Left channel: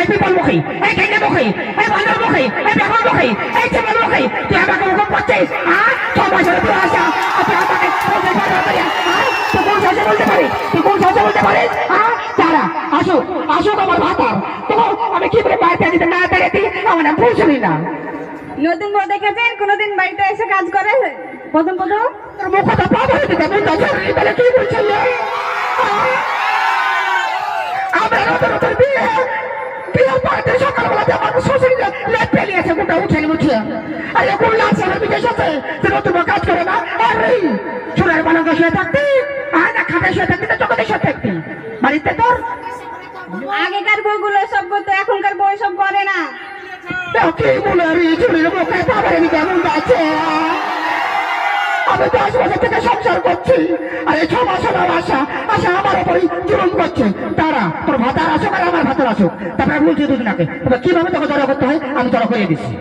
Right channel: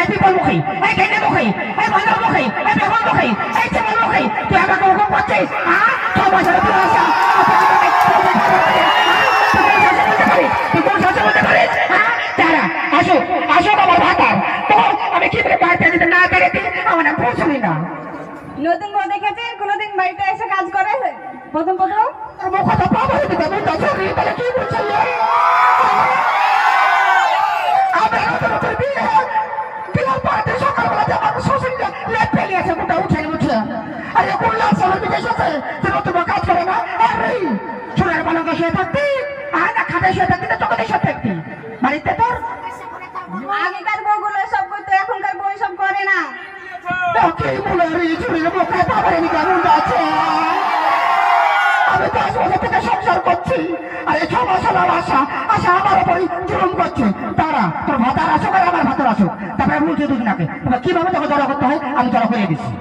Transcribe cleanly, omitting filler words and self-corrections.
এই বিপল মুখী, এই ঘেন্না মুখী, এই বন্ধর মুখী, এই বেগুন মুখী, এই চিমন মুখী, তুই আমাকে হুকুম করছিস? ছ বছরের পরে আসা তুই কোন সাথে বলতে পারিস? তুই কোন সাথে বলতে পারিস? তারা আসুক, আসুক আমার ভাতার, তো আমি কি করে বাড়িতে দিতে না পেরে তুই আমার নাম ভুল শুনি না। নতুন বউ দেখেছেন কোনোদিন বাড়িতে এসে কাজ করে? প্রথম প্রথম মুখটা পাবো দিতে বুঝতে চলি তাহলে কি বলছিল? আমরা নতুন নতুন বিয়ের পরে সকালবেলাতে আমার শ্বশুর লেপ ফেলিয়েছে, গোটা উঠে উঠে আর এখন লাগছে আমার বিদেশ আছে, সে নতুন কাজ করে না। আমি চুলের পালঙ্কে শুয়ে থাকতি, আর না খাটে শুয়ে থাকতি, না চোখে শুয়ে থাকতি বাড়িতে তোর। আগেকার বউগুলো সব করতো, এখনকার বউ সব করে না। কি বলে আমি চুলের মুখে পাবো দিতে এমন যাচ্ছে? আমি 10 বছর থেকে সংসার করছি, আর এই 6 মাস হলো আশা আমার উপরই জুলুম করছে। তারা তোর ভাতার আসুক আর আমার ভাতার আসুক, তারপরে বলছে দুজনাকে, তবে কিভাবে তোকে জড়ো করতে হয় আমি জড়ো করে দিচ্ছি।